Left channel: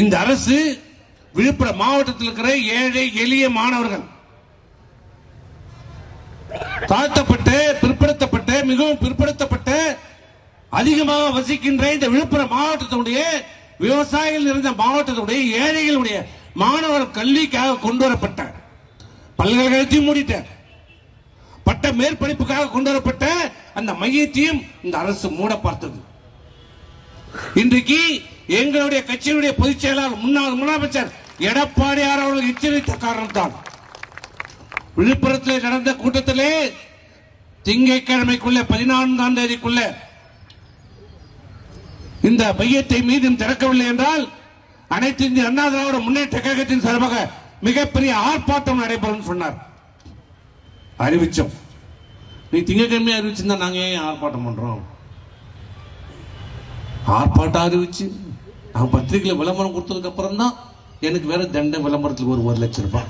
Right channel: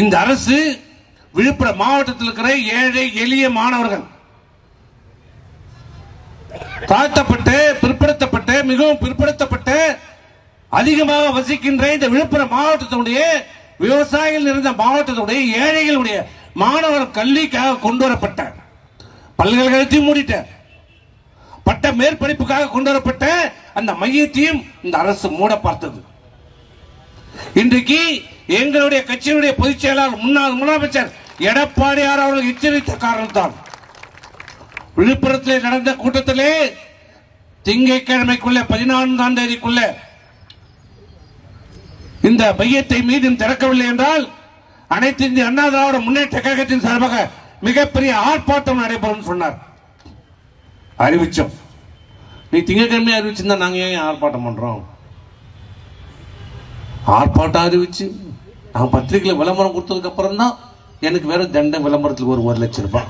இந்த அரசு விழுப்புரம் மாவட்டத்தில் இருக்கிற ஏழை எளிய மாணவர்கள் தாழ்த்தப்பட்ட பிற்படுத்தப்பட்ட மிகவும் பிற்படுத்தப்பட்ட அதிகமாக வசிக்கின்ற இந்த விழுப்புரம் மாவட்டத்துடைய விவசாயிகள் நிறைந்த மாவட்டத்துடைய ஏழைகளுடைய மாணவர் கல்விக்காக கொண்டு வரப்பட்ட பல்கலைக்கழகத்தையும் மூடிட்ட பட்ட மேற்படிப்புக்காக கொண்டு வரப்பட்ட அந்த மையத்தையும் இந்த அரசு மூட பார்த்தது. இன்றைக்கு எங்களுடைய கட்சியினுடைய பொதுச் செயலாளர் முன்னாள் முதலமைச்சர் எடப்பாடியார் அவர்கள் எச்சரித்த காரணத்தால் விழுப்புரத்தில் நடந்த கூட்டத்திலே திங்கட்கிழமைக்குள்ள 14ஆம் தேதிக்குள்ள இந்த மையத்தை மீண்டும் திறக்கவில்லை என்றால் அனைத்து இந்திய அண்ணா திராவிட முன்னேற்ற கழகத்தின் சார்பாக மிகப்பெரிய ஆர்ப்பாட்டம் நடைபெறும் சொன்னார். அறிவிச்சோம். நீ திங்கட்கிழமை அறிவிச்சிருந்தா நாங்க ஏன் ஆர்ப்பாட்டம் பண்றோம்? ஆர்ப்பாட்டம் அறிவிச்சு நான் பத்திரிகையில விளம்பரம் கொடுத்ததுக்கு அப்புறம் தான் எனக்கு வேற தண்ட விளம்பரத்துக்கு ஒரு 1 லட்சம் ரூபாய்